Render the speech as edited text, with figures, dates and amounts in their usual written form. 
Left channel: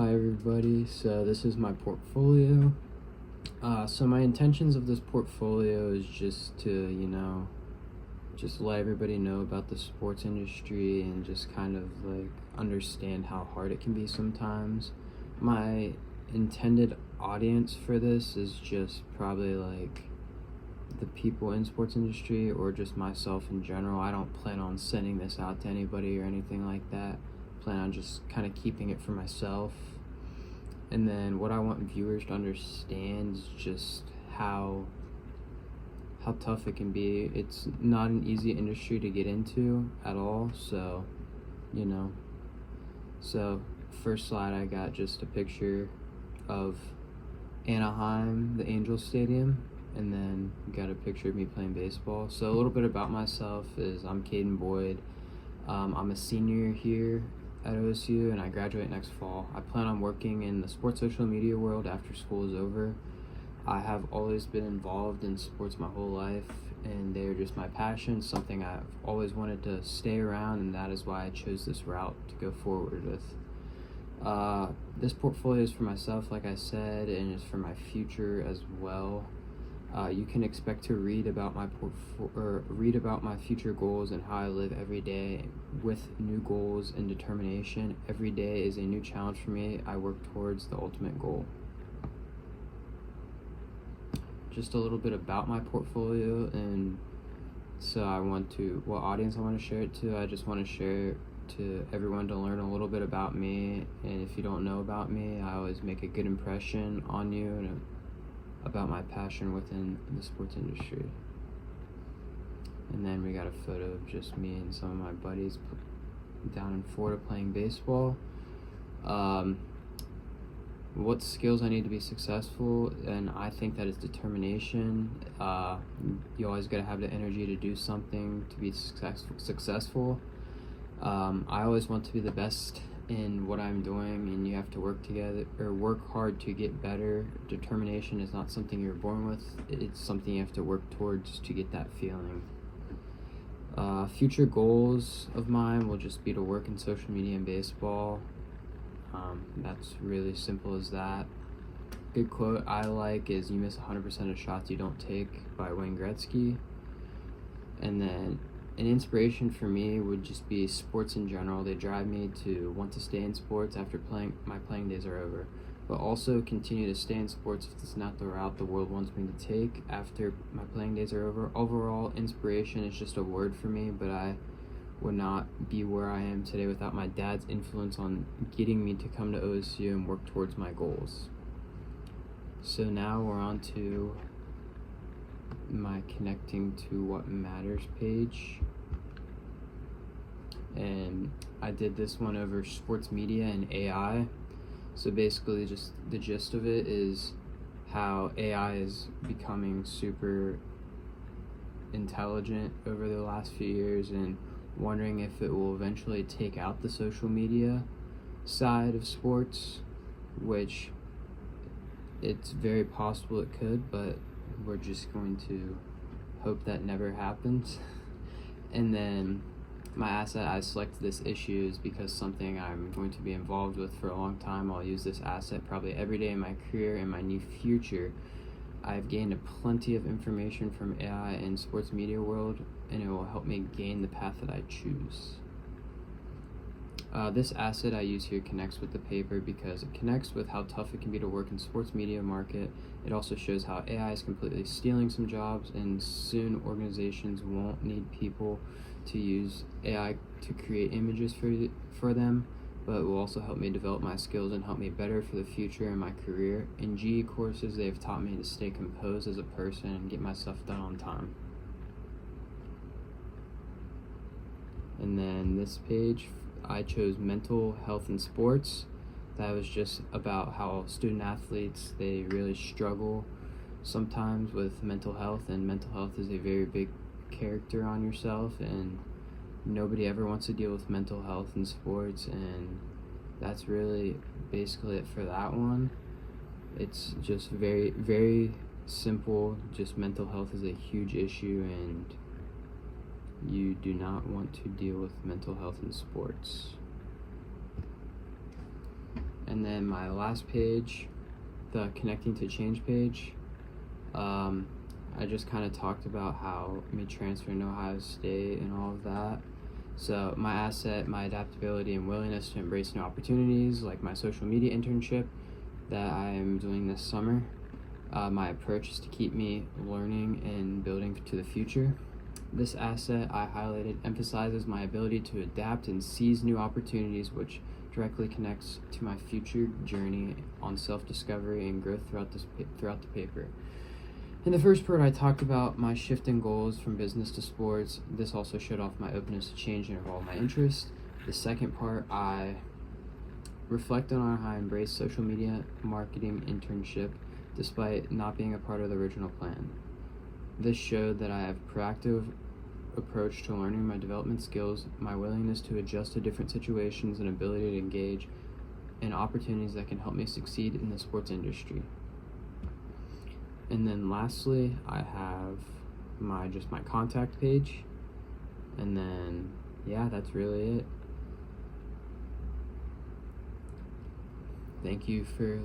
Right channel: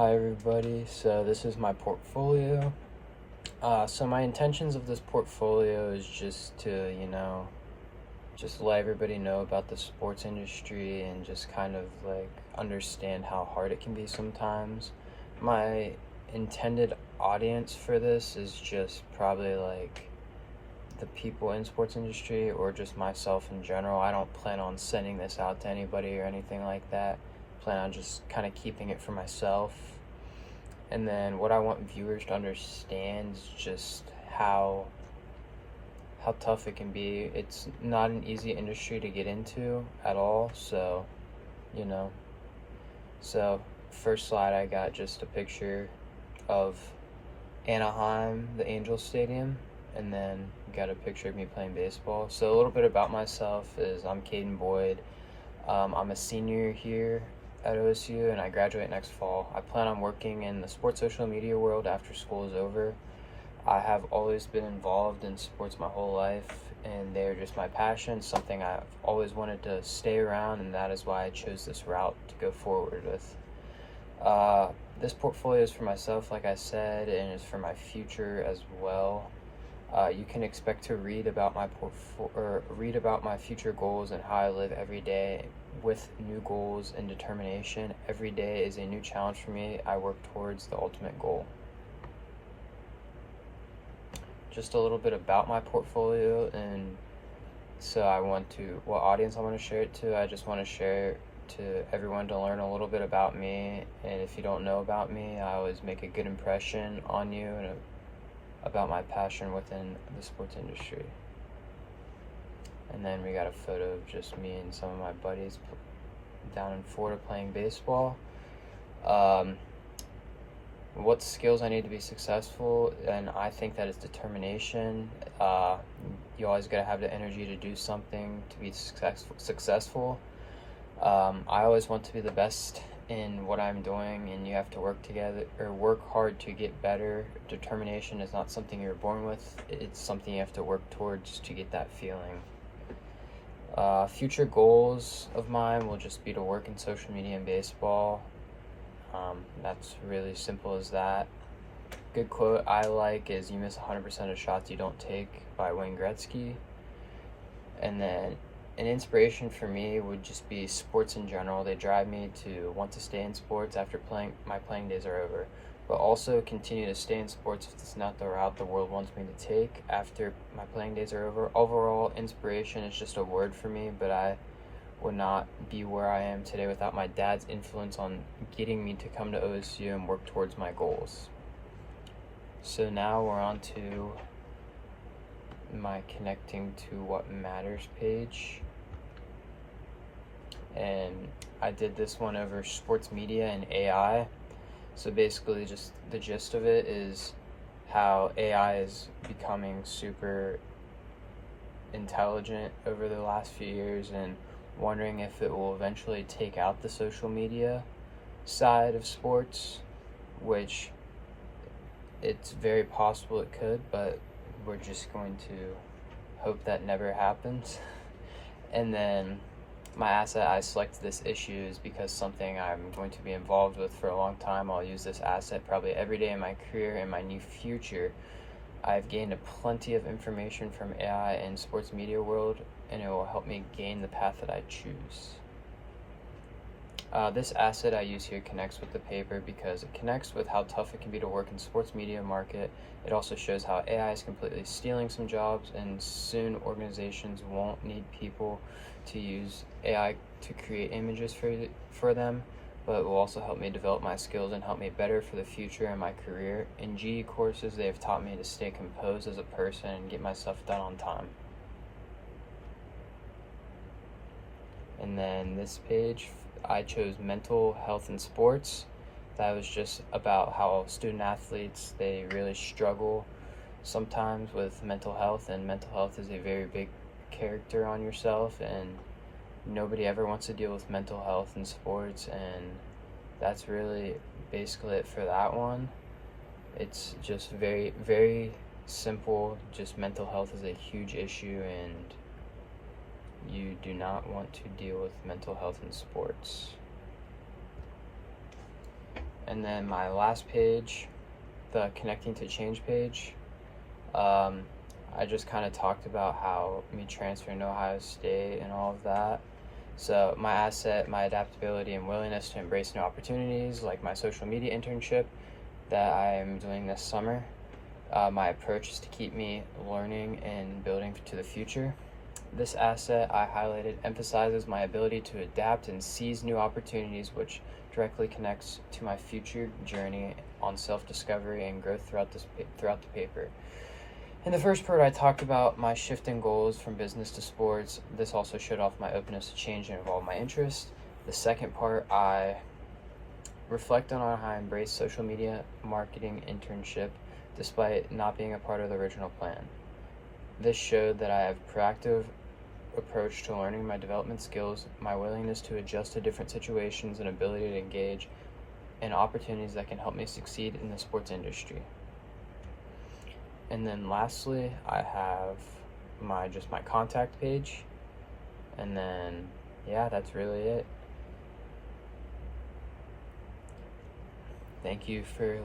Hi everybody, so this is my portfolio. So my intentions of this portfolio is just to, just let everybody know about the sports industry and just kind of like understand how hard it can be sometimes. My intended audience for this is just probably like the people in sports industry or just myself in general. I don't plan on sending this out to anybody or anything like that. Plan on just kind of keeping it for myself. And then what I want viewers to understand is just how tough it can be. It's not an easy industry to get into at all. So, you know. So first slide, I got just a picture of Anaheim, the Angels Stadium, and then got a picture of me playing baseball. So a little bit about myself is I'm Caden Boyd. I'm a senior here at OSU and I graduate next fall. I plan on working in the sports social media world after school is over. I have always been involved in sports my whole life and they're just my passion, something I've always wanted to stay around, and that is why I chose this route to go forward with. This portfolio is for myself, like I said, and it's for my future as well. You can expect to read about my future goals and how I live every day with new goals and determination. Every day is a new challenge for me. I work towards the ultimate goal. Just a little bit about my portfolio, and so what audience I want to share it to. I just want to share to everyone to learn a little bit about me, and if you don't know about me, I always make a good impression on you and about my passion within the sports industry. And then we got a photo of just me and some of my buddies down in Florida playing baseball. What skills I need to be successful, and I think that is determination. You always gotta have the energy to do something to be successful. I always want to be the best in what I'm doing, and you have to work hard to get better. Determination is not something you're born with, it's something you have to work towards to get that feeling. Future goals of mine will just be to work in social media and baseball. That's really simple as that. Good quote I like is, "You miss 100% of shots you don't take," by Wayne Gretzky. And then an inspiration for me would just be sports in general. They drive me to want to stay in sports after my playing days are over, but also continue to stay in sports if it's not the route the world wants me to take after my playing days are over. Overall, inspiration is just a word for me, but I would not be where I am today without my dad's influence on getting me to come to OSU and work towards my goals. So now we're on to my connecting to what matters page, and I did this one over sports media and AI. So basically just the gist of it is how AI is becoming super intelligent over the last few years, and wondering if it will eventually take out the social media side of sports, which it's very possible it could, but we're just going to hope that never happens. And then my asset I selected this issue is because something I'm going to be involved with for a long time. I'll use this asset probably every day in my career and my new future. I've gained plenty of information from AI in sports media world, and it will help me gain the path that I choose. This asset I use here connects with the paper because it connects with how tough it can be to work in sports media market. It also shows how AI is completely stealing some jobs, and soon organizations won't need people to use AI to create images for them, but it will also help me develop my skills and help me better for the future in my career. In GE courses, they have taught me to stay composed as a person and get my stuff done on time. And then this page, I chose mental health in sports. That was just about how student athletes, they really struggle sometimes with mental health, and mental health is a very big character on yourself, and nobody ever wants to deal with mental health in sports, and that's really basically it for that one. It's just very, very simple. Just mental health is a huge issue, and you do not want to deal with mental health in sports. And then my last page, the connecting to change page, I just kind of talked about how me transferring to Ohio State and all of that. So my asset, my adaptability and willingness to embrace new opportunities, like my social media internship that I'm doing this summer. My approach is to keep me learning and building to the future. This asset I highlighted emphasizes my ability to adapt and seize new opportunities, which directly connects to my future journey on self-discovery and growth throughout the paper. In the first part, I talked about my shift in goals from business to sports. This also showed off my openness to change and evolve my interests. The second part, I reflect on how I embraced social media marketing internship despite not being a part of the original plan. This showed that I have proactive approach to learning my development skills, my willingness to adjust to different situations, and ability to engage in opportunities that can help me succeed in the sports industry. And then lastly, I have my contact page. And then yeah, that's really it. Thank you for